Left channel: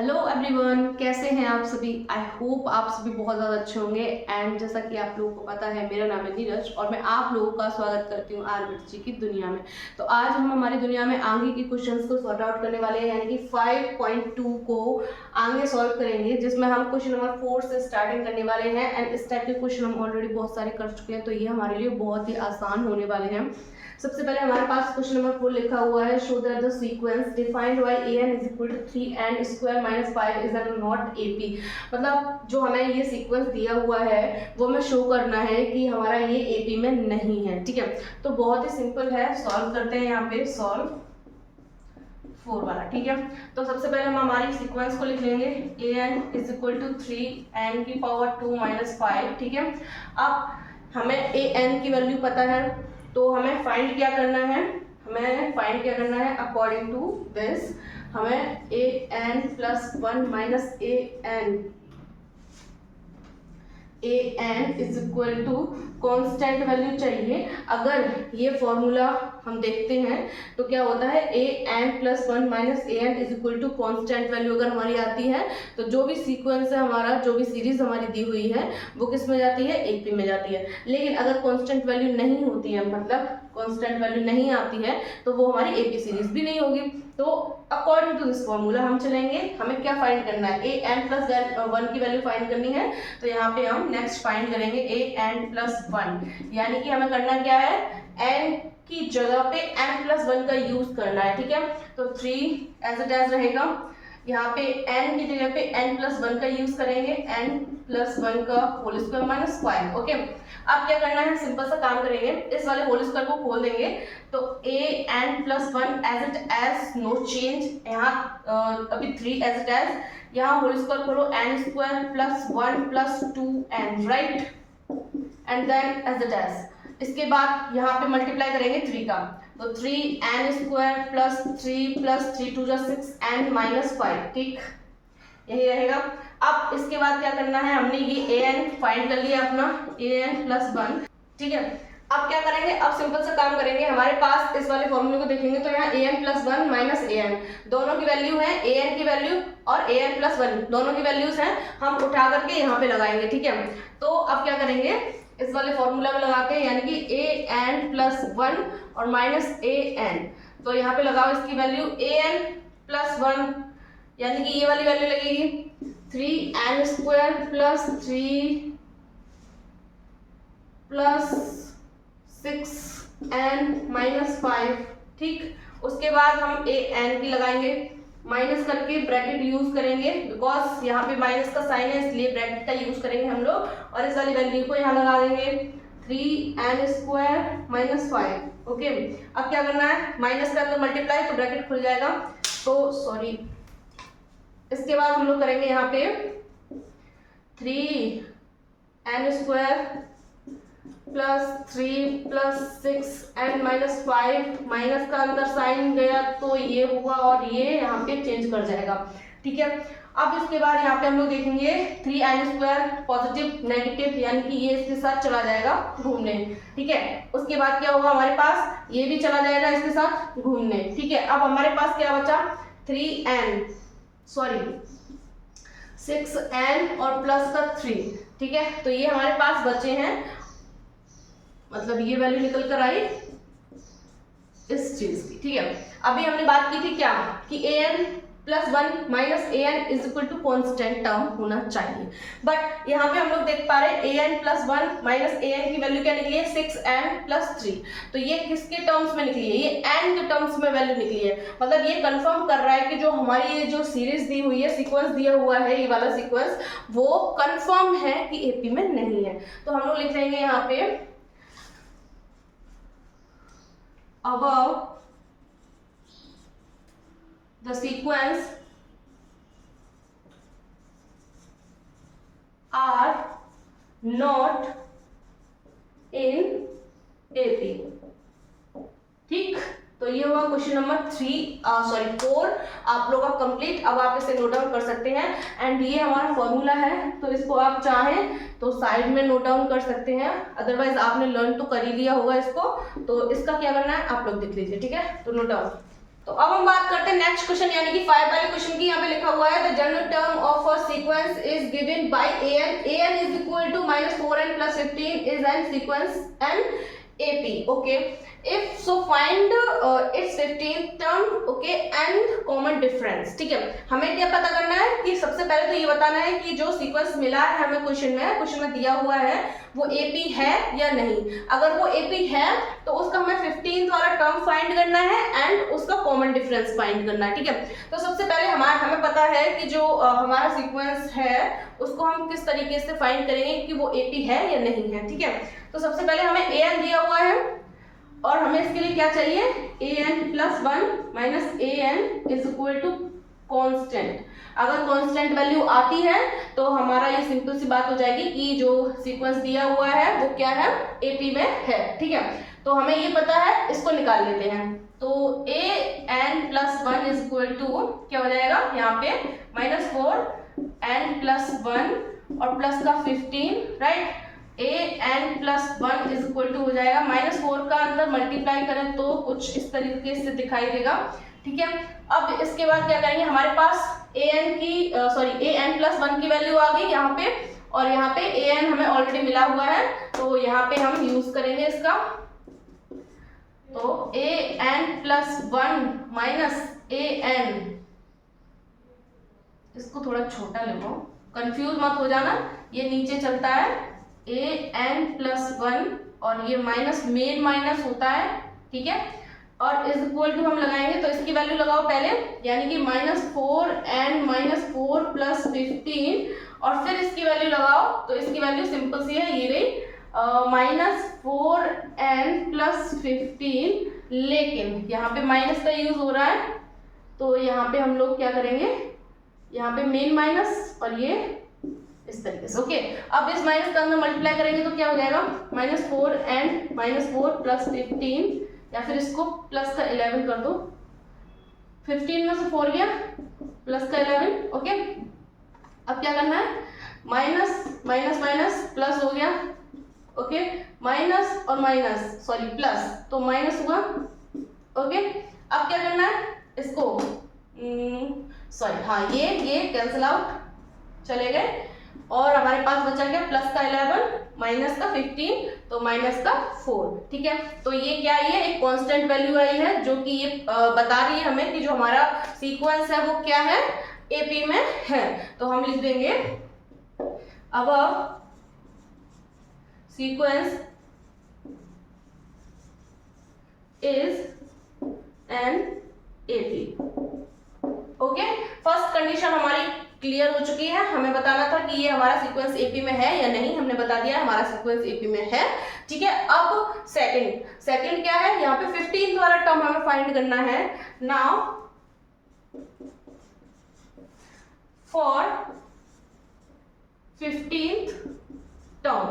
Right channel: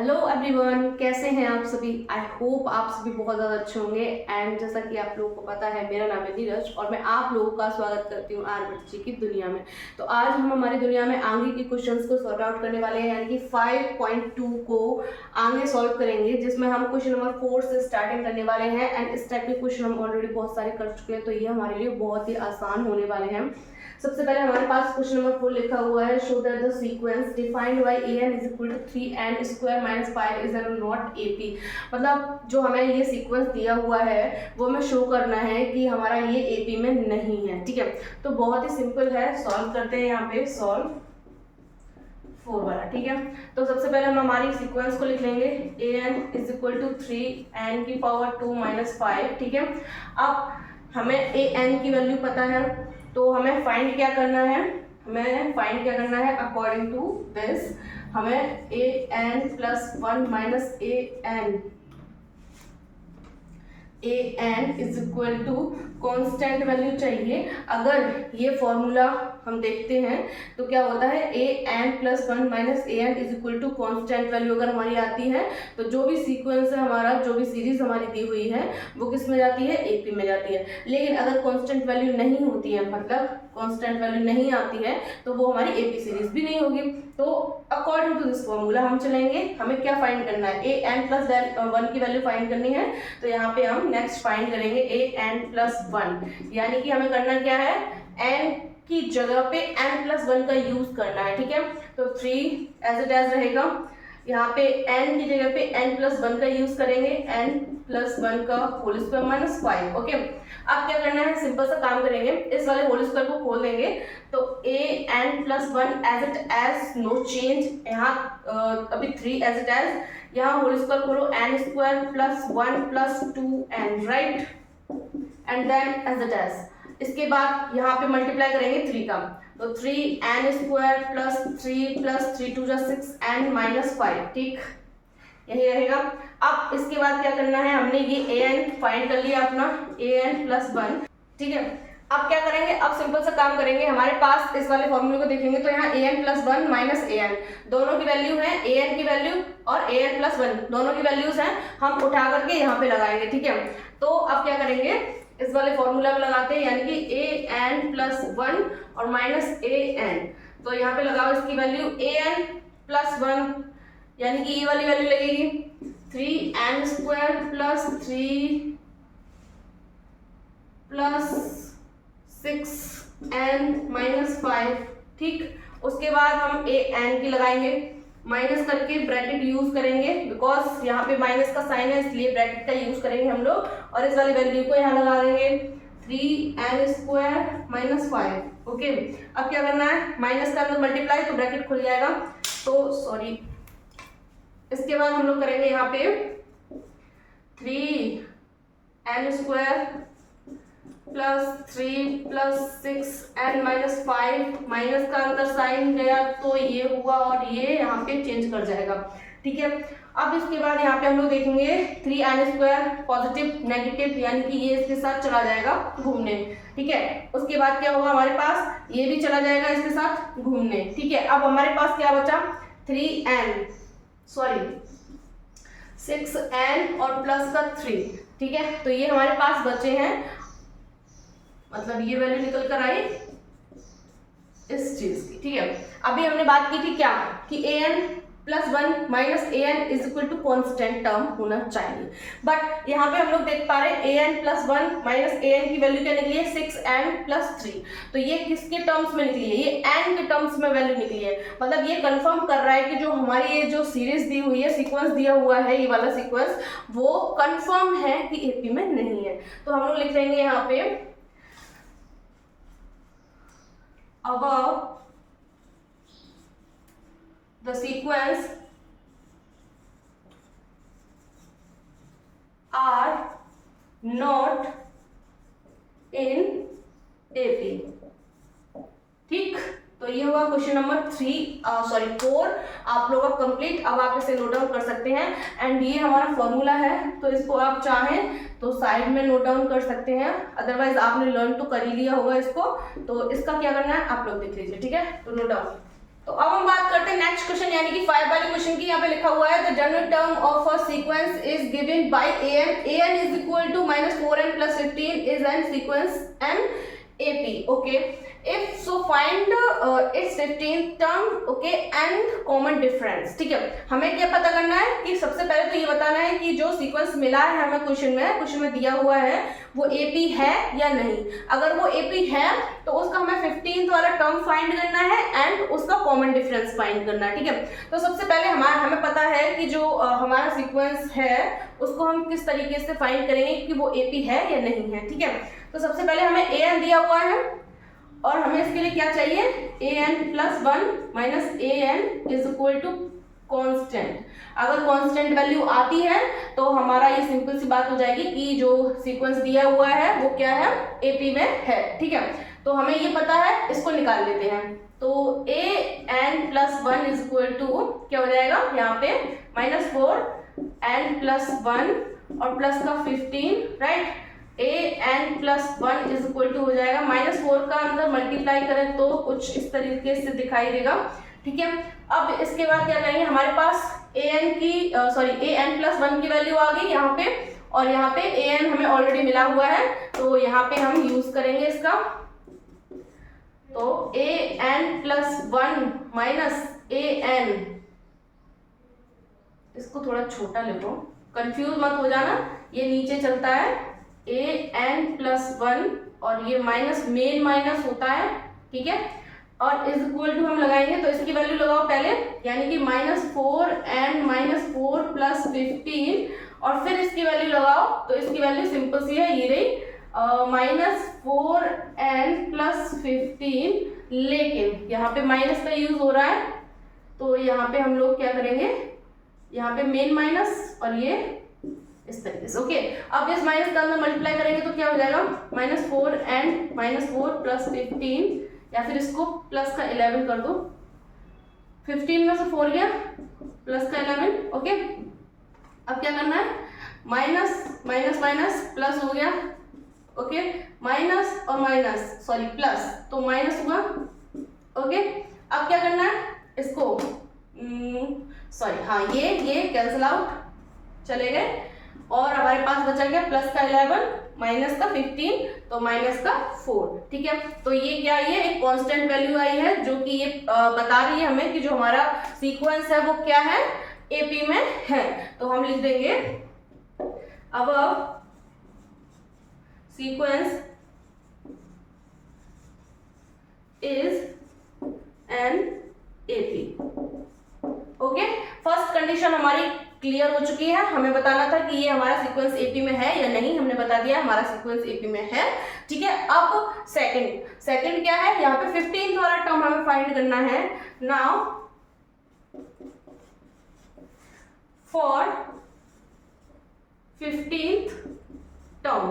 Hello everyone, कैसे हैं आप सभी। आई होप आप सभी बहुत ज़्यादा अच्छे होंगे। एंड जैसा कि आप लोगों को पता है, मेरा नाम है नीरज और मैं आप लोगों का स्वागत करती हूँ आर्यभट्ट जी की दुनिया में। तो आज हम हमारी दुनिया में आगे की क्वेश्चंस को सॉर्ट आउट करने वाले हैं, यानी कि 5.2 को आगे सॉल्व करेंगे, जिसमें हम क्वेश्चन नंबर 4 से स्टार्टिंग करने वाले हैं। एंड इस टाइप के क्वेश्चन हम ऑलरेडी बहुत सारे कर चुके हैं, तो ये हमारे लिए बहुत ही आसान होने वाले हैं। सबसे पहले हमारे पास क्वेश्चन नंबर 4 लिखा हुआ है, show that the sequence defined by an is equal to 3n square minus 5 is not ap। मतलब जो हमें ये सीक्वेंस दिया हुआ है वो हमें शो करना है कि हमारा ये ap में नहीं है। ठीक है, तो बहुत ही सिंपल है, सॉल्व करते हैं। यहाँ पे सॉल्व 4 वाला। ठीक है, तो सबसे पहले हम हमारी सीक्वेंस को लिख लेंगे, an is equal to 3n की पावर 2 माइनस 5। ठीक है, अब हमें an की वैल्यू पता है, तो हमें फाइंड क्या करना है, अकॉर्डिंग टू दिस हमें an plus 1 minus an is equal to constant value चाहिए। अगर ये फॉर्मूला हम देखते हैं तो क्या होता है, an plus 1 minus an is equal to constant value अगर हमारी आती है तो जो भी सीक्वेंस है हमारा, जो भी सीरीज हमारी दी हुई है वो किस में जाती है, AP में जाती है। लेकिन अगर कॉन्स्टेंट वैल्यू नहीं होती है, मतलब कॉन्स्टेंट वैल्यू नहीं आती है, तो वो हमारी AP सीरीज भी नहीं होगी। तो अकॉर्डिंग टू दिस फॉर्मूला हम चलेंगे, हमें क्या फाइंड करना है, an प्लस 1 की वैल्यू फाइंड करनी है। तो यहाँ पे हम नेक्स्ट फाइंड करेंगे an प्लस 1, यानी कि हमें करना क्या है, n की जगह पे n प्लस 1 का यूज करना है। ठीक है, तो 3 एज इट एज रहेगा, यहाँ पे n की जगह पे n प्लस 1 का यूज करेंगे, n प्लस 1 का होल स्क्वायर माइनस 5। ओके, अब क्या करना है, सिंपल सा काम करेंगे, इस वाले होल स्क्वायर को खोल देंगे तो an plus 1 as it as, no change. यहाँ अभी 3 एज इट एज, यहाँ होल स्क्वायर खोलो, n square plus 1 plus 2n, right, and then as it as. इसके बाद यहाँ पे मल्टीप्लाई करेंगे 3 का, तो 3n square plus 3 2 6n minus 5। ठीक, यही रहेगा। अब इसके बाद क्या करना है, हमने ये an फाइंड कर लिया अपना, an प्लस 1। ठीक है, अब क्या करेंगे, अब सिंपल सा काम करेंगे, हमारे पास इस वाले फॉर्मूले को देखेंगे तो यहाँ an प्लस 1 माइनस an, दोनों की वैल्यू है, an की वैल्यू और an प्लस 1 दोनों की वैल्यूज हैं, हम उठा करके यहाँ पे लगाएंगे। ठीक है, तो अब क्या करेंगे, इस वाले फॉर्मूला में लगाते हैं, यानी कि an प्लस 1 और माइनस an, तो यहाँ पे लगाओ इसकी वैल्यू an प्लस 1, यानी कि ये वाली वैल्यू लगेगी 3n square plus 3 plus 6n minus 5। ठीक, उसके बाद हम an की लगाएंगे, माइनस करके ब्रैकेट यूज करेंगे, बिकॉज यहाँ पे माइनस का साइन है इसलिए ब्रैकेट का यूज करेंगे हम लोग, और इस वाली वैल्यू को यहाँ लगा देंगे 3n स्क्वायर माइनस 5। ओके, अब क्या करना है, माइनस का अंदर मल्टीप्लाई तो ब्रैकेट खुल जाएगा, तो सॉरी, इसके बाद हम लोग करेंगे यहाँ पे 3n square plus 3 plus 6n minus 5, minus का अंदर साइन गया तो ये हुआ और ये यहाँ पे चेंज कर जाएगा। ठीक है, अब इसके बाद यहाँ पे हम लोग देखेंगे 3n स्क्वायर पॉजिटिव नेगेटिव, यानी कि ये इसके साथ चला जाएगा घूमने। ठीक है, उसके बाद क्या होगा, हमारे पास ये भी चला जाएगा इसके साथ घूमने। ठीक है, अब हमारे पास क्या बचा, 6n और प्लस का 3। ठीक है, तो ये हमारे पास बचे हैं, मतलब ये वैल्यू निकल कर आई इस चीज की। ठीक है, अभी हमने बात की थी क्या, कि an plus 1 minus an is equal to constant term होना चाहिए, बट यहाँ पे हम लोग देख पा रहे हैं an प्लस 1 माइनस an की वैल्यू क्या निकली है, 6n प्लस 3। तो ये किसके टर्म्स में निकली है, ये n के टर्म्स में वैल्यू निकली है। मतलब ये कंफर्म कर रहा है कि जो हमारी ये जो सीरीज दी हुई है, सीक्वेंस दिया हुआ है, ये वाला सीक्वेंस, वो कंफर्म है कि AP में नहीं है। तो हम लोग लिख लेंगे यहाँ पे above the sequence are not in AP। ठीक, तो ये हुआ क्वेश्चन नंबर 4 आप लोगों का कंप्लीट। अब आप इसे नोट डाउन कर सकते हैं, एंड ये हमारा फॉर्मूला है, तो इसको आप चाहें तो साइड में नोट डाउन कर सकते हैं, अदरवाइज आपने लर्न तो कर ही लिया होगा इसको, तो इसका क्या करना है आप लोग देख लीजिए। ठीक है, तो नोट डाउन, तो अब हम बात करते हैं नेक्स्ट क्वेश्चन यानी कि 5 वाले क्वेश्चन की। यहाँ पे लिखा हुआ है the general term of a sequence is given by an is equal to -4n + 15 is an sequence an AP. Okay, if so find its 15th term, okay, and common difference. ठीक है, हमें क्या पता करना है कि सबसे पहले तो ये बताना है कि जो सीक्वेंस मिला है हमें क्वेश्चन में दिया हुआ है वो AP है या नहीं। अगर वो AP है तो उसका हमें 15th वाला टर्म फाइंड करना है एंड उसका कॉमन डिफरेंस फाइंड करना है। ठीक है, तो सबसे पहले हमें पता है कि जो हमारा सीक्वेंस है उसको हम किस तरीके से फाइंड करेंगे कि वो AP है या नहीं है। ठीक है, तो सबसे पहले हमें an दिया हुआ है और हमें इसके लिए क्या चाहिए, an + 1 - an is equal to constant. अगर कांस्टेंट वैल्यू आती है तो हमारा ये सिंपल सी बात हो जाएगी कि जो सीक्वेंस दिया हुआ है वो क्या है, AP में है। ठीक है, तो हमें ये पता है, इसको निकाल लेते हैं। तो an + 1 इज इक्वल टू क्या हो जाएगा, यहाँ पे -4n + 1 और प्लस का 15, right. an + 1 is equal to हो जाएगा -4 का अंदर मल्टीप्लाई करें तो कुछ इस तरीके से दिखाई देगा। ठीक है, अब इसके बाद क्या करेंगे, हमारे पास an + 1 की वैल्यू आ गई यहाँ पे, और यहाँ पे an हमें ऑलरेडी मिला हुआ है तो यहाँ पे हम यूज करेंगे इसका। तो an + 1 - an, इसको थोड़ा छोटा लिखो, कंफ्यूज मत हो जाना, ये नीचे चलता है an + 1 और ये मेन माइनस होता है। ठीक है, और इज इक्वल टू हम लगाएंगे तो इसकी वैल्यू लगाओ पहले, यानी कि -4n - 4 + 15 और फिर इसकी वैल्यू लगाओ तो इसकी वैल्यू सिंपल सी है, ये रही -4n + 15, लेकिन यहाँ पे माइनस का यूज हो रहा है तो यहाँ पे हम लोग क्या करेंगे, यहाँ पे मेन माइनस और ये इस तरीके से। ओके, अब इस माइनस का अंदर मल्टीप्लाई करेंगे तो क्या हो जाएगा, -4n - 4 + 15, या फिर इसको प्लस का 11 कर दो, 15 में से 4 गया प्लस का 11। ओके, अब क्या करना है, माइनस प्लस हो गया। ओके, माइनस और माइनस प्लस, तो माइनस हुआ। ओके, अब क्या करना है, इसको ये कैंसिल आउट चले गए और हमारे पास बचा गया प्लस का 11 माइनस का 15 तो माइनस का 4। ठीक है, तो ये क्या आई है, एक कांस्टेंट वैल्यू आई है जो कि ये बता रही है हमें कि जो hमारा सीक्वेंस है वो क्या है, AP में है। तो हम लिख देंगे अब sequence is an AP। Okay, first condition हमारी क्लियर हो चुकी है, हमें बताना था कि ये हमारा सीक्वेंस AP में है या नहीं, हमने बता दिया हमारा सीक्वेंस AP में है। ठीक है, अब सेकंड क्या है, यहाँ पे 15th वाला टर्म हमें फाइंड करना है। नाउ फॉर 15th टर्म,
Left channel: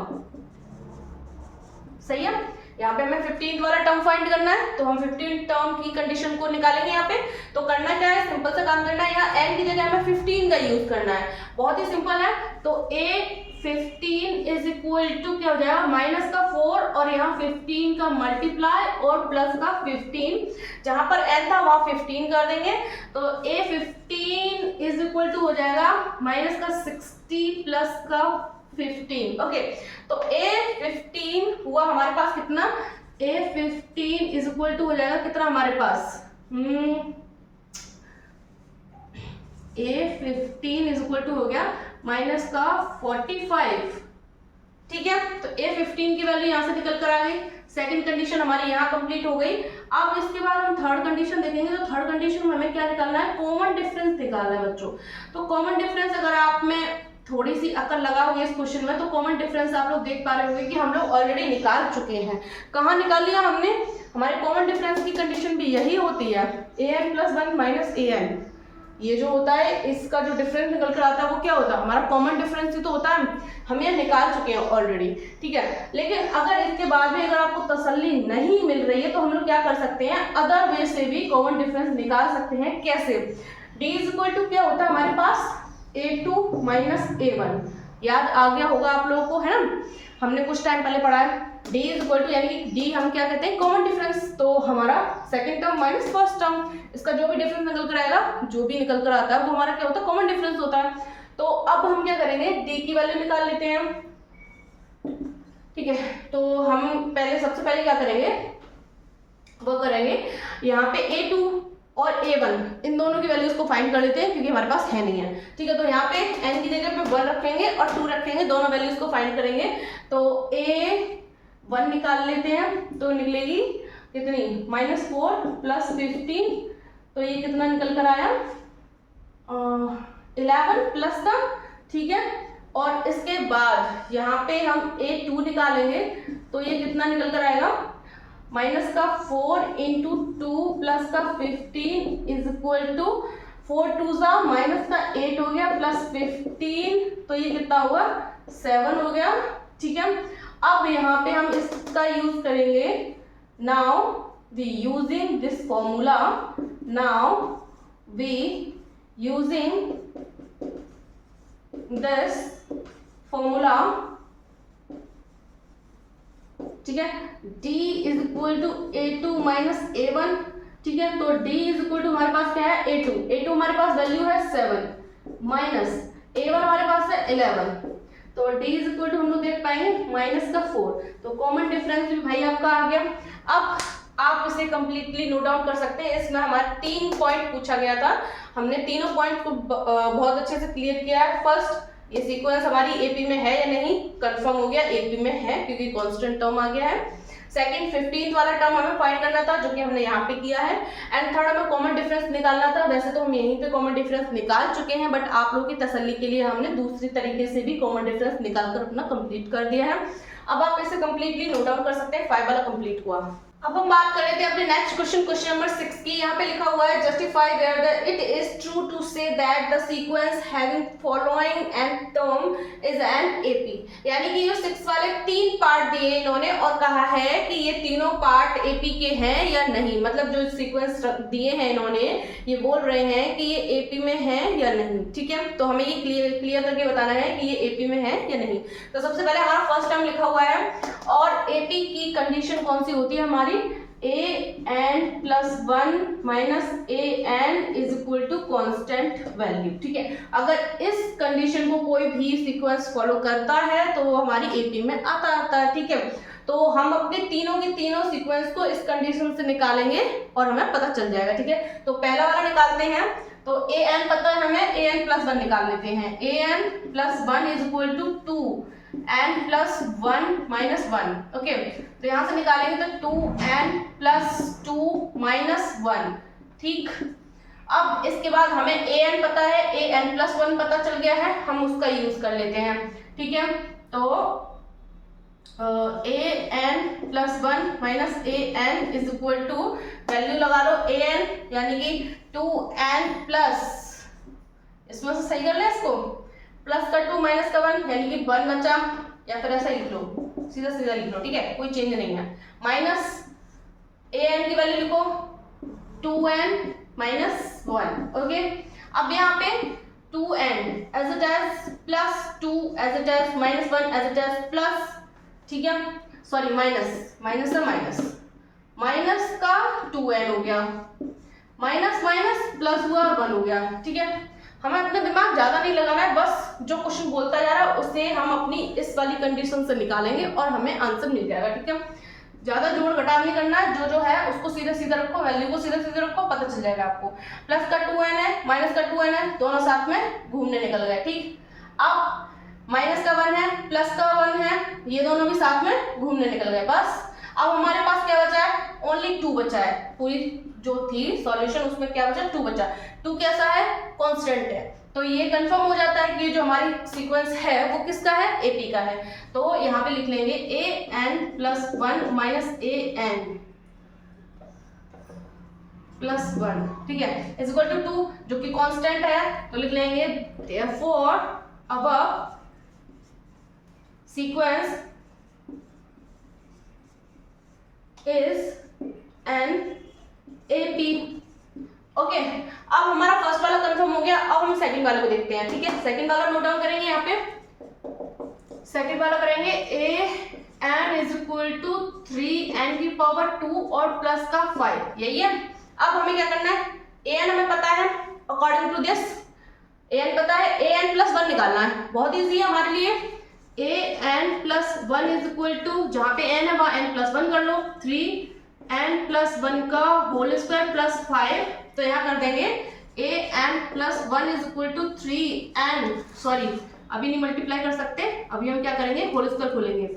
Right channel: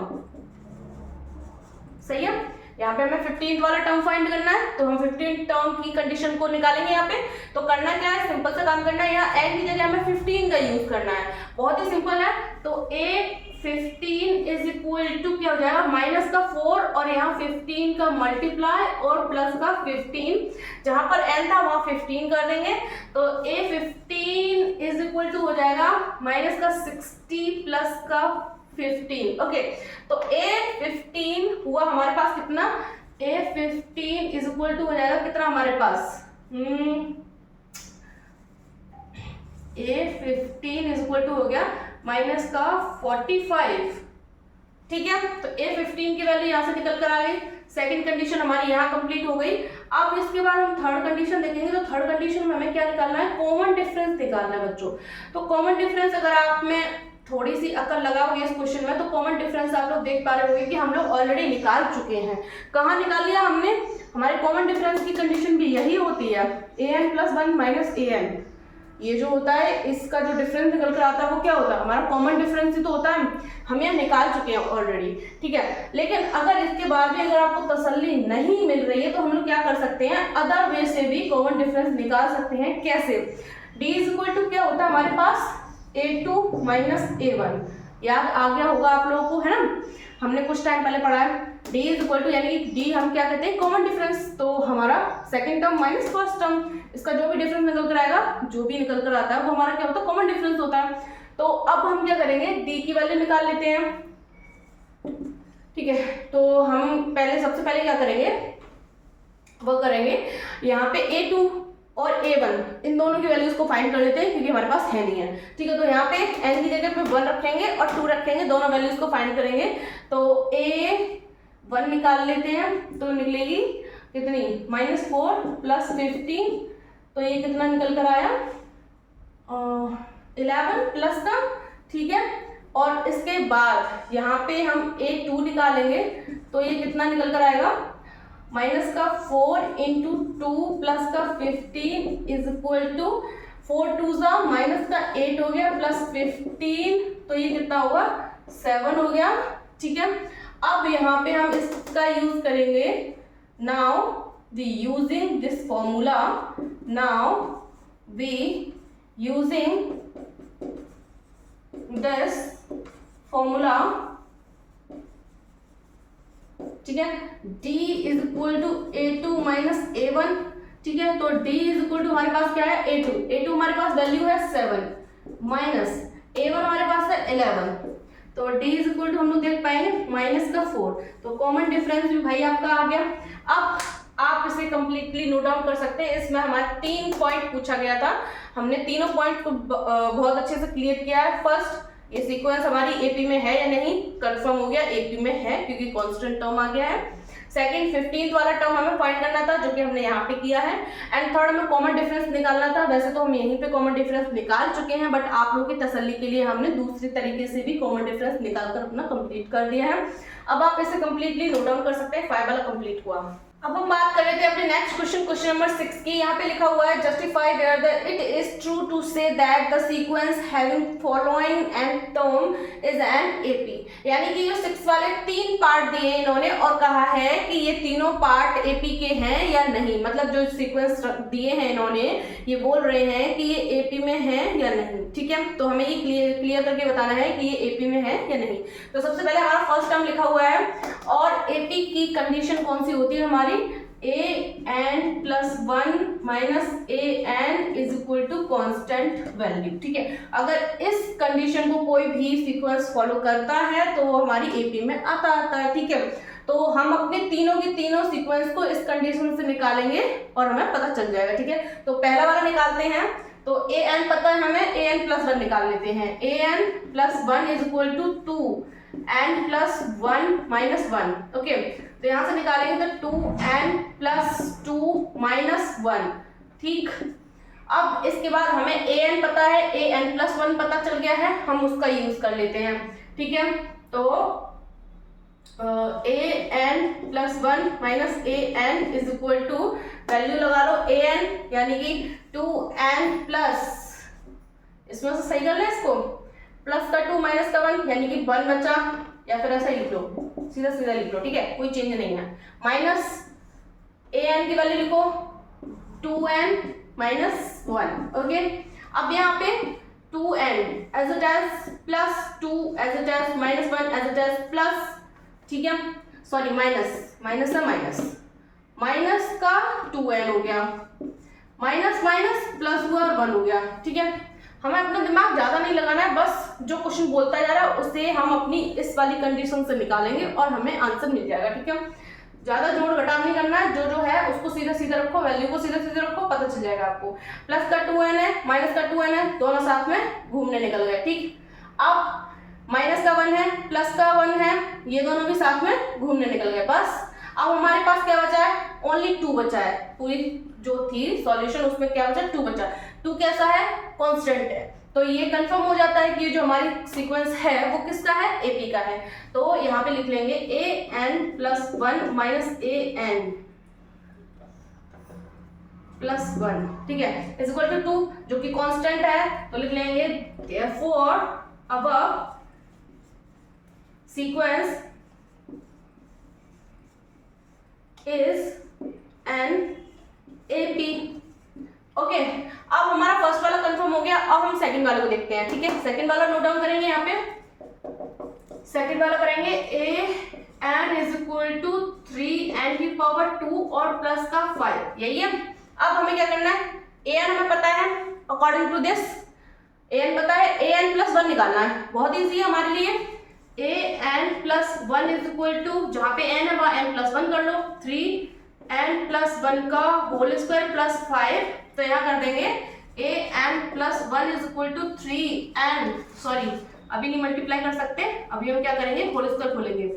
सही है, यहाँ पे हमें 15th वाला टर्म फाइंड करना है तो हम 15th टर्म की कंडीशन को निकालेंगे। यहाँ पे तो करना क्या है, सिंपल सा काम करना है, यहाँ n की जगह हमें 15 का यूज करना है, बहुत ही सिंपल है। तो a15 इज इक्वल टू क्या हो जाएगा, -4 और यहाँ 15 का मल्टीप्लाई और प्लस का 15, जहां पर n था वहां 15 कर देंगे तो a15 इज इक्वल टू हो जाएगा -60 प्लस का 15। ओके, तो a15 हुआ हमारे पास कितना, a15 इज इक्वल टू हो जाएगा कितना हमारे पास, a15 इज इक्वल टू हो गया माइनस का 45। ठीक है, तो a15 की वैल्यू यहाँ से निकल कर आ गई, सेकंड कंडीशन हमारी यहाँ कंप्लीट हो गई। अब इसके बाद हम थर्ड कंडीशन देखेंगे, तो थर्ड कंडीशन में हमें क्या निकालना है, कॉमन डिफरेंस निकालना है बच्चों। तो कॉमन डिफरेंस अगर आप में थोड़ी सी अकल लगाओगे इस क्वेश्चन में तो कॉमन डिफरेंस आप लोग देख पा रहे होंगे कि हम लोग ऑलरेडी निकाल चुके हैं। कहाँ निकाल लिया हमने, हमारे कॉमन डिफरेंस की कंडीशन भी यही होती है, an + 1 - an, ये जो होता है इसका जो डिफरेंस निकल कर आता है वो क्या होता है, हमारा कॉमन डिफरेंस ही तो होता है, हम ये निकाल चुके हैं ऑलरेडी। ठीक है, लेकिन अगर इसके बाद भी अगर आपको तसल्ली नहीं मिल रही है तो हम लोग क्या कर सकते हैं, अदर वे से भी कॉमन डिफरेंस निकाल सकते हैं। कैसे, d इज इक्वल टू क्या होता है हमारे पास, a2 - a1, याद आ गया होगा आप लोगों को, है ना, हमने कुछ टाइम पहले पढ़ा है। डी इज इक्वल टू, यानी कि डी हम क्या कहते हैं, कॉमन डिफरेंस। तो हमारा second term minus first term, इसका जो भी डिफरेंस निकल कर आएगा, जो भी निकल कर आता है वो हमारा क्या होता है, कॉमन डिफरेंस होता है। तो अब हम क्या करेंगे, डी की वैल्यू निकाल लेते हैं, ठीक है। तो हम पहले सबसे पहले क्या करेंगे, वो करेंगे यहाँ पे a2 और a1 इन दोनों की वैल्यूज को फाइंड कर लेते हैं, क्योंकि हमारे पास है नहीं है, ठीक है। तो यहाँ पे n की जगह पे 1 रखेंगे और 2 रखेंगे, दोनों वैल्यूज को फाइंड करेंगे। तो a1 निकाल लेते हैं, तो निकलेगी कितनी, -4 + 15, तो ये कितना निकल कर आया, 11 प्लस का, ठीक है। और इसके बाद यहाँ पे हम a2 निकालेंगे, तो ये कितना निकल कर आएगा, माइनस का 4 × 2 प्लस का 15 इज इक्वल टू 4 2 ज़ा माइनस का 8 हो गया प्लस 15, तो ये कितना होगा, 7 हो गया, ठीक है। अब यहाँ पे हम इसका यूज करेंगे, now we using this formula, now we using this formula, ठीक है। d is equal to a2 minus a1, ठीक है। तो d इज इक्वल टू हमारे पास क्या है, a2 हमारे पास वैल्यू है 7 माइनस a1 हमारे पास है 11, तो d इज इक्वल टू हम लोग देख पाएंगे -4, तो कॉमन डिफरेंस भी भाई आपका आ गया। अब आप इसे कंप्लीटली नोट डाउन कर सकते हैं। इसमें हमारा 3 पॉइंट पूछा गया था, हमने तीनों पॉइंट को बहुत अच्छे से क्लियर किया है। फर्स्ट, ये सीक्वेंस हमारी एपी में है या नहीं, कंफर्म हो गया एपी में है, क्योंकि कांस्टेंट टर्म आ गया है। सेकंड, 15th वाला टर्म हमें फाइंड करना था, जो कि हमने यहाँ पे किया है। एंड थर्ड, हमें कॉमन डिफरेंस निकालना था। वैसे तो हम यहीं पे कॉमन डिफरेंस निकाल चुके हैं, बट आप लोगों की तसल्ली के लिए हमने दूसरी तरीके से भी कॉमन डिफरेंस निकाल कर अपना कंप्लीट कर दिया है। अब आप इसे कंप्लीटली नोट डाउन कर सकते हैं, 5 वाला कंप्लीट हुआ। अब हम बात कर लेते हैं अपने नेक्स्ट क्वेश्चन नंबर 6 की। यहाँ पे लिखा हुआ है, justify where the it is true to say that the sequence having following and term is an AP. यानी कि जो 6 वाले 3 पार्ट दिए इन्होंने और कहा है कि ये तीनों पार्ट एपी के हैं या नहीं, मतलब जो सीक्वेंस दिए हैं इन्होंने ये बोल रहे हैं कि ये एपी में है या नहीं, ठीक है। तो हमें ये क्लियर करके बताना है कि ये एपी में है या नहीं। तो सबसे पहले हमारा फर्स्ट टर्म लिखा हुआ है, और एपी की कंडीशन कौन सी होती है हमारी, an + 1 minus an is equal to constant value, ठीक है। अगर इस कंडीशन को कोई भी सीक्वेंस फॉलो करता है तो वो हमारी एपी में आता है, ठीक है। तो हम अपने तीनों के तीनों सीक्वेंस को इस कंडीशन से निकालेंगे और हमें पता चल जाएगा, ठीक है। तो पहला वाला निकालते हैं, तो an पता है हमें, an + 1 निकाल लेते हैं। an + 1 is equal to 2n + 1 minus 1, okay. तो यहाँ से निकालेंगे तो 2n + 2 माइनस 1, ठीक। अब इसके बाद हमें an पता है, an + 1 पता चल गया है, हम उसका यूज कर लेते हैं, ठीक है। तो an + 1 minus an is equal to, value लगा लो an, यानी कि 2n प्लस, इसमें से सही कर ले इसको, प्लस का 2 माइनस का 1 यानी कि 1 बचा, या फिर ऐसा लिख लो, सीधा सीधा लिख लो, ठीक है, कोई चेंज नहीं है। माइनस an की वैल्यू लिखो 2n माइनस 1, ओके। अब यहाँ पे 2n as it as plus 2 as it as minus 1 as it as plus, ठीक है, सॉरी माइनस का 2n हो गया, माइनस प्लस हुआ और 1 हो गया, ठीक है। हमें अपना दिमाग ज्यादा नहीं लगाना है, बस जो क्वेश्चन बोलता जा रहा है उससे हम अपनी इस वाली कंडीशन से निकालेंगे और हमें आंसर मिल जाएगा, ठीक है। ज्यादा जोड़ घटाव नहीं करना है, जो है उसको सीधा सीधा रखो, वैल्यू को सीधा सीधा रखो, पता चल जाएगा आपको। प्लस का 2n है, माइनस का 2n है, दोनों साथ में घूमने निकल गए, ठीक। अब माइनस का 1 है, प्लस का 1 है, ये दोनों भी साथ में घूमने निकल गए, बस। अब हमारे पास क्या बचा है, ओनली 2 बचा है, पूरी जो थी सॉल्यूशन उसमें क्या बचा, 2 बचा। 2 कैसा है, कांस्टेंट है, तो ये कंफर्म हो जाता है कि जो हमारी सीक्वेंस है वो किसका है, एपी का है। तो यहाँ पे लिख लेंगे an + 1 माइनस an + 1, ठीक है, इज इक्वल टू 2, जो कि कांस्टेंट है, तो लिख लेंगे therefore above sequence is an AP, okay. अब हमारा फर्स्ट वाला कंफर्म हो गया, अब हम सेकंड वाले को देखते हैं, ठीक है। सेकंड वाला नोट डाउन करेंगे यहाँ पे, सेकंड वाला करेंगे A N is equal to 3n की पावर 2 और प्लस का 5, यही है। अब हमें क्या करना है, ए एन हमें पता है, according to this a n पता है, ए एन प्लस 1 निकालना है, बहुत ईजी है हमारे लिए। A n plus 1 is equal to, जहाँ पे एन है वहाँ एन प्लस 1 कर लो, 3n प्लस 1 का होल स्क्वायर प्लस 5, तो यहाँ कर देंगे a n plus 1 is equal to 3n, sorry अभी नहीं मल्टीप्लाई कर सकते, अभी हम क्या करेंगे, होल स्क्वायर खोलेंगे,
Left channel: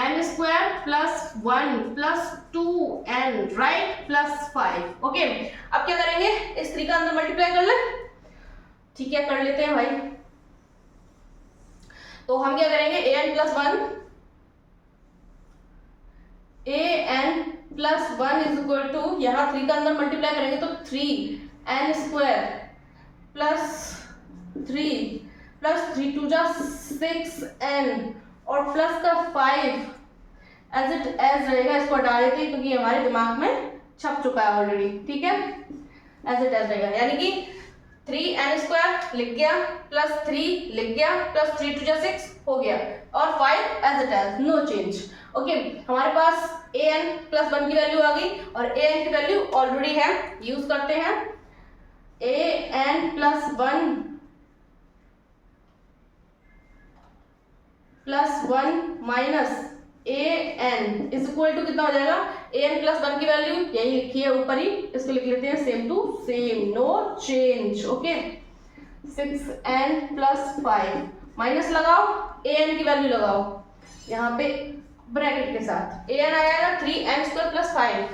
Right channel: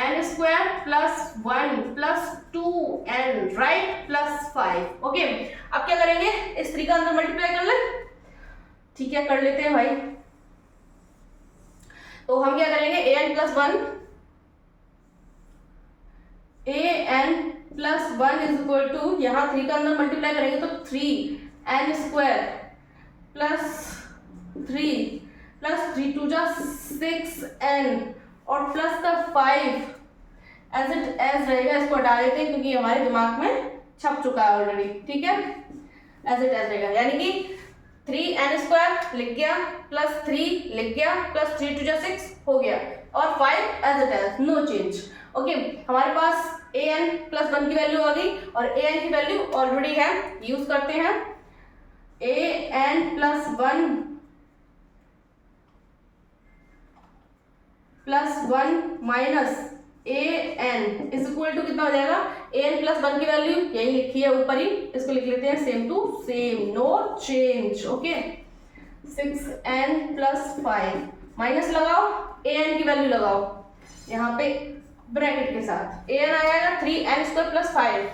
n square plus 1 plus 2n right plus 5, okay. अब क्या करेंगे, इस 3 का अंदर मल्टीप्लाई कर ले, ठीक है कर लेते हैं भाई। तो हम क्या करेंगे, ए n plus 1 is equal to, यहाँ 3 का अंदर मल्टीप्लाई करेंगे तो 3n square plus 3 plus 3 to जा 6n और प्लस का 5 एज इट एज रहेगा, इसको हटा देते हैं क्योंकि हमारे दिमाग में छप चुका है ऑलरेडी, ठीक है, एज इट एज रहेगा, यानी कि 3n स्क्वायर लिख गया प्लस 3 लिख गया प्लस 3 टू जा 6 हो गया और 5 as it as, no change, okay. हमारे पास an प्लस 1 की वैल्यू आ गई और an की वैल्यू ऑलरेडी है, यूज करते हैं an plus 1 minus a N is equal to कितना हो जाएगा, ए एन प्लस 1 की वैल्यू यही लिखी है ऊपर ही, इसको लिख लेते हैं same to same, no change, okay. 6n plus 5 minus लगाओ, ए एन की वैल्यू लगाओ यहाँ पे ब्रैकेट के साथ, ए एन आएगा 3n square plus 5,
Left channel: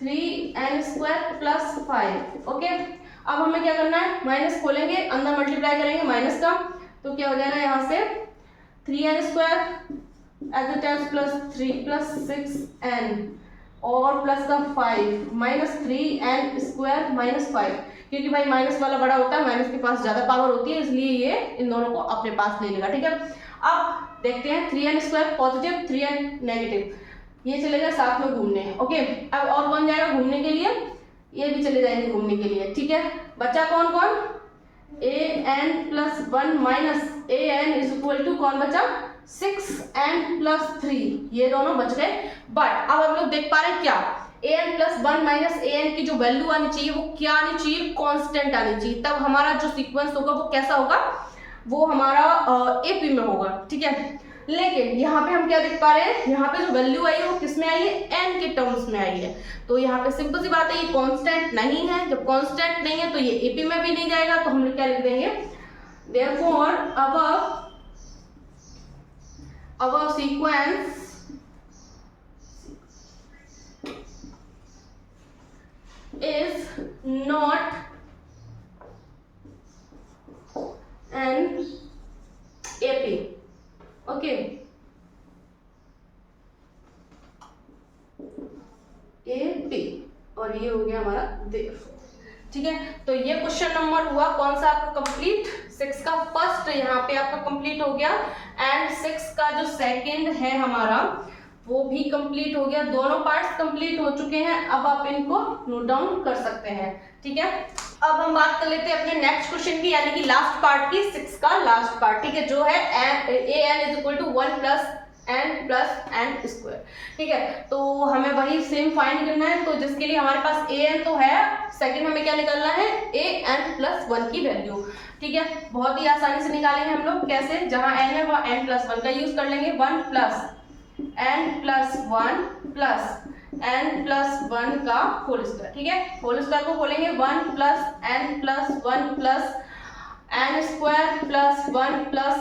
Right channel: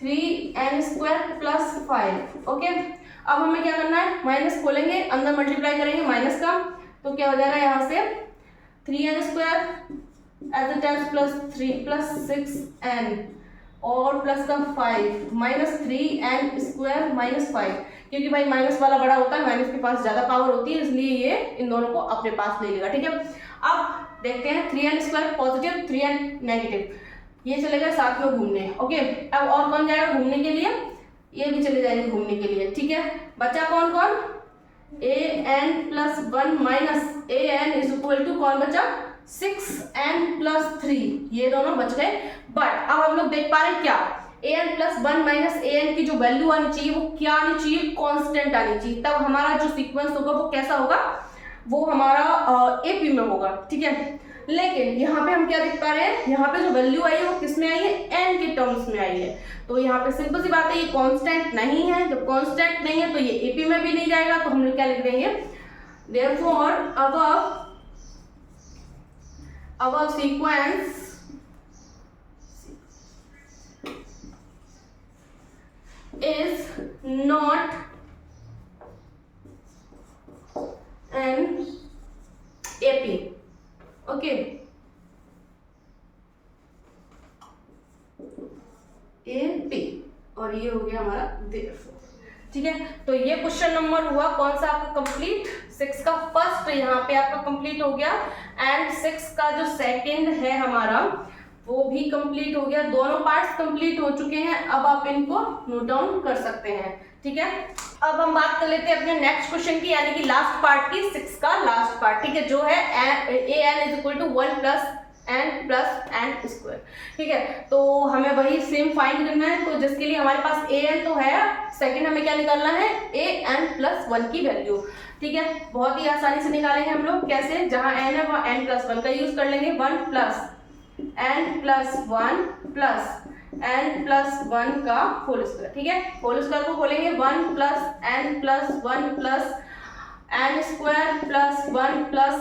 3n square plus 5, okay. अब हमें क्या करना है, माइनस खोलेंगे, अंदर मल्टीप्लाई करेंगे माइनस का, तो क्या हो जाएगा यहाँ से 3n square as it as plus 3 plus 6n और प्लस का 5 माइनस 3n स्क्वायर माइनस 5, क्योंकि भाई माइनस वाला बड़ा होता है, माइनस के पास ज्यादा पावर होती है, इसलिए ये इन दोनों को अपने पास ले लेगा, ठीक है। अब देखते हैं 3n square positive 3n negative, ये चले गए साथ में घूमने, ओके। अब और कौन जाएगा घूमने के लिए, ये भी चले जाएंगे घूमने के लिए, ठीक है। बचा कौन कौन, a n plus 1 minus a N is equal to कौन बचा, 6n प्लस 3, ये दोनों बच गए। बट अब हम लोग देख पा रहे हैं क्या, ए n plus 1 minus a n की जो वैल्यू आनी चाहिए वो क्या आनी चाहिए, कांस्टेंट आनी चाहिए, तब हमारा जो सीक्वेंस होगा वो कैसा होगा, वो हमारा एपी में होगा, ठीक है। लेकिन यहाँ पे हम क्या देख पा रहे हैं, यहाँ पे जो वैल्यू आई है वो किस में आई है, एन के टर्म्स में आई है, तो यहाँ पे सिंपल सी बात है, ये कांस्टेंट नहीं है, जब कांस्टेंट नहीं है तो ये एपी में भी नहीं जाएगा, तो हम लोग क्या लिख देंगे, therefore our sequence is not an AP, okay, AP, और ये हो गया हमारा therefore, ठीक है। तो ये क्वेश्चन नंबर हुआ कौन सा आपका कंप्लीट, 6 का फर्स्ट यहाँ पे आपका कंप्लीट हो गया, एंड 6 का जो सेकंड है हमारा वो भी कंप्लीट हो गया, दोनों पार्ट्स कंप्लीट हो चुके हैं। अब आप इनको नोट डाउन कर सकते हैं, ठीक है। अब हम बात कर लेते हैं अपने नेक्स्ट क्वेश्चन की, यानी कि लास्ट पार्ट की, 6 का लास्ट पार्ट, ठीक है, जो है a N is equal to 1 plus n plus n square, ठीक है। तो हमें वही सेम फाइंड करना है, तो जिसके लिए हमारे पास ए एन तो है, सेकंड हमें क्या निकालना है, ए एन प्लस 1 की वैल्यू, ठीक है। बहुत ही आसानी से निकालेंगे हम लोग, कैसे, जहां एन है वहां एन प्लस 1 का यूज कर लेंगे, 1 plus n plus 1 plus n plus 1 का होल स्क्वायर, ठीक है। होल स्क्वायर को खोलेंगे, 1 plus n plus 1 plus n square plus 1 plus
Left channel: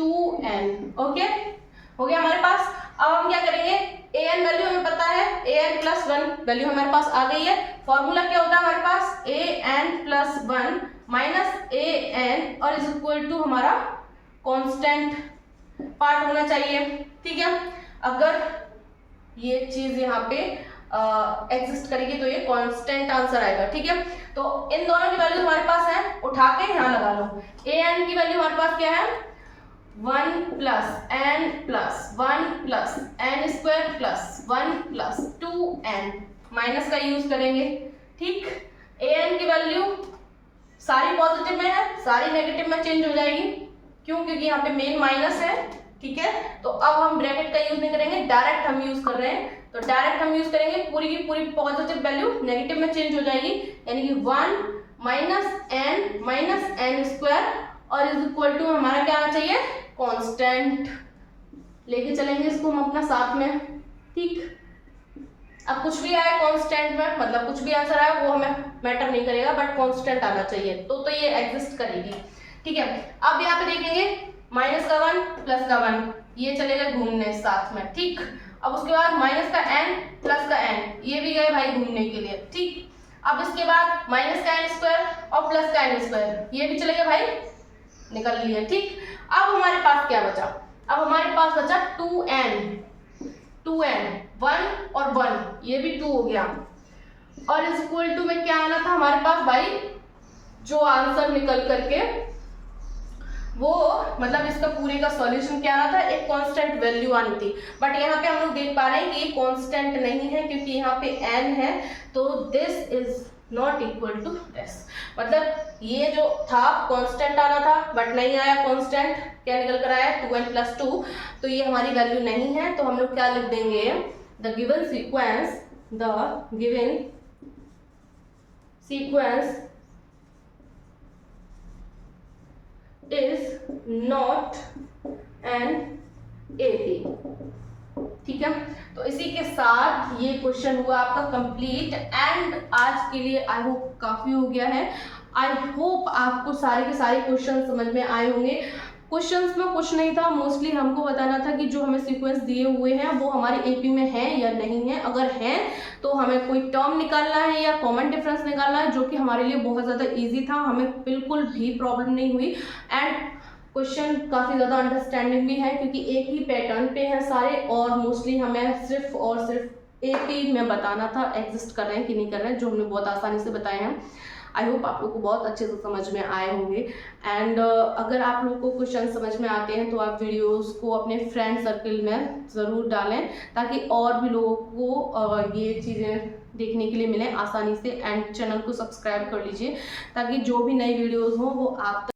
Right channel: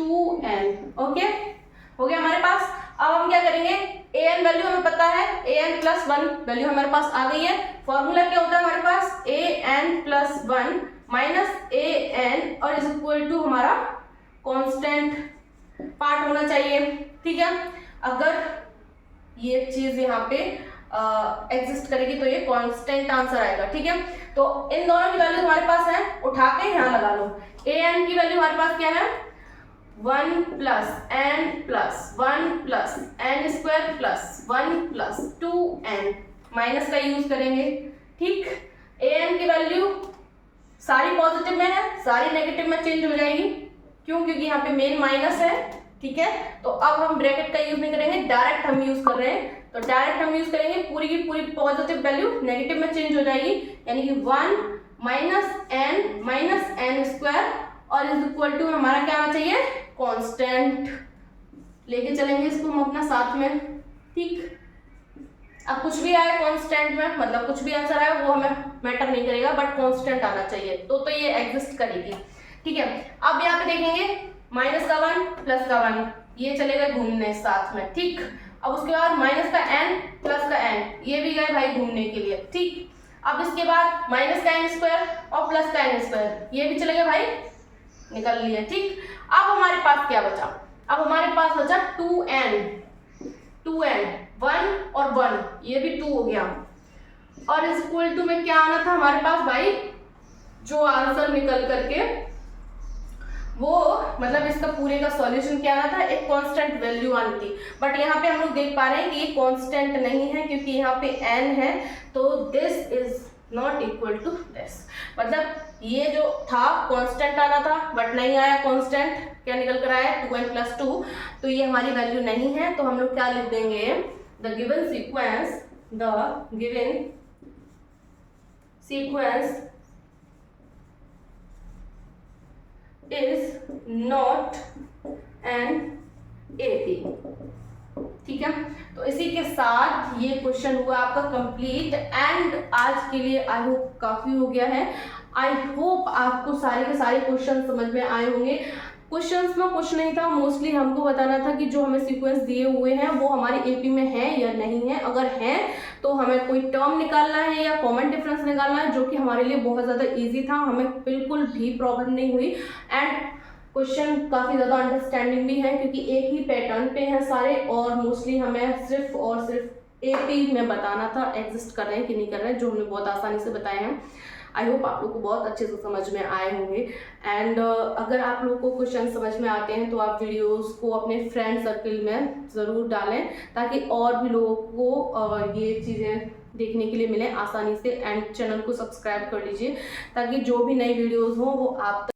2n, okay, हो गया हमारे पास। अब हम क्या करेंगे, ए एन वैल्यू हमें पता है, ए एन प्लस 1 वैल्यू हमारे पास आ गई है। फॉर्मूला क्या होता है हमारे पास, ए n plus 1 minus a N और इज इक्वल टू हमारा कांस्टेंट पार्ट होना चाहिए, ठीक है। अगर ये चीज यहाँ पे एग्जिस्ट करेगी तो ये कांस्टेंट आंसर आएगा, ठीक है। तो इन दोनों की वैल्यू हमारे पास है, उठा के यहाँ लगा लो। ए एन की वैल्यू हमारे पास क्या है, 1 plus n plus 1 plus n square plus 1 plus 2n, minus का यूज करेंगे, ठीक। ए एन की वैल्यू सारी पॉजिटिव में है, सारी नेगेटिव में चेंज हो जाएगी, क्यों, क्योंकि यहाँ पे मेन माइनस है, ठीक है। तो अब हम ब्रैकेट का यूज नहीं करेंगे, डायरेक्ट हम यूज कर रहे हैं। तो डायरेक्ट हम यूज करेंगे, पूरी की पूरी पॉजिटिव वैल्यू नेगेटिव में चेंज हो जाएगी, यानी कि 1 माइनस एन स्क्वायर और इज इक्वल टू हमारा क्या आना चाहिए, कांस्टेंट। लेके चलेंगे इसको हम अपना साथ में, ठीक। अब कुछ भी आए कांस्टेंट में, मतलब कुछ भी आंसर आए वो हमें मैटर नहीं करेगा, बट कांस्टेंट आना चाहिए तो ये एग्जिस्ट करेगी, ठीक है। अब यहाँ पे देखेंगे माइनस का 1 प्लस का 1, ये चलेगा घूमने साथ में, ठीक। अब उसके बाद माइनस का n प्लस का n, ये भी गए भाई घूमने के लिए, ठीक। अब इसके बाद माइनस का n स्क्वायर और प्लस का n स्क्वायर, ये भी चलेगा भाई, निकल लिया, ठीक। अब हमारे पास क्या बचा, अब हमारे पास बचा 2n 1 और 1, ये भी 2 हो गया, और इज इक्वल टू में क्या आना था हमारे पास भाई, जो आंसर निकल करके वो मतलब इसका पूरे का सॉल्यूशन क्या आना था, एक कांस्टेंट वैल्यू आनी थी। बट यहाँ पे हम लोग देख पा रहे हैं कि ये कांस्टेंट नहीं है, क्योंकि यहाँ पे n है, तो this is not equal to this. मतलब ये जो था कांस्टेंट आना था बट नहीं आया कांस्टेंट, क्या निकल कर आया 2n + 2, तो ये हमारी वैल्यू नहीं है। तो हम लोग क्या लिख देंगे, the given sequence is not an AP, ठीक है। तो इसी के साथ ये क्वेश्चन हुआ आपका कंप्लीट, एंड आज के लिए आई होप काफी हो गया है। आई होप आपको सारे के सारे क्वेश्चन समझ में आए होंगे। क्वेश्चंस में कुछ नहीं था, मोस्टली हमको बताना था कि जो हमें सीक्वेंस दिए हुए हैं वो हमारे AP में है या नहीं है। अगर है तो हमें कोई टर्म निकालना है या कॉमन डिफरेंस निकालना है, जो कि हमारे लिए बहुत ज़्यादा इजी था, हमें बिल्कुल भी प्रॉब्लम नहीं हुई। एंड क्वेश्चन काफ़ी ज़्यादा अंडरस्टैंडिंग भी है, क्योंकि एक ही पैटर्न पे हैं सारे, और मोस्टली हमें सिर्फ और सिर्फ AP में बताना था एग्जिस्ट कर रहे हैं कि नहीं कर रहे हैं, जो हमने बहुत आसानी से बताए हैं। आई होप आप लोग को बहुत अच्छे से समझ में आए होंगे। एंड अगर आप लोग को क्वेश्चन समझ में आते हैं तो आप वीडियोस को अपने फ्रेंड सर्कल में ज़रूर डालें, ताकि और भी लोगों को ये चीज़ें देखने के लिए मिले आसानी से। एंड चैनल को सब्सक्राइब कर लीजिए, ताकि जो भी नई वीडियोस हो वो आप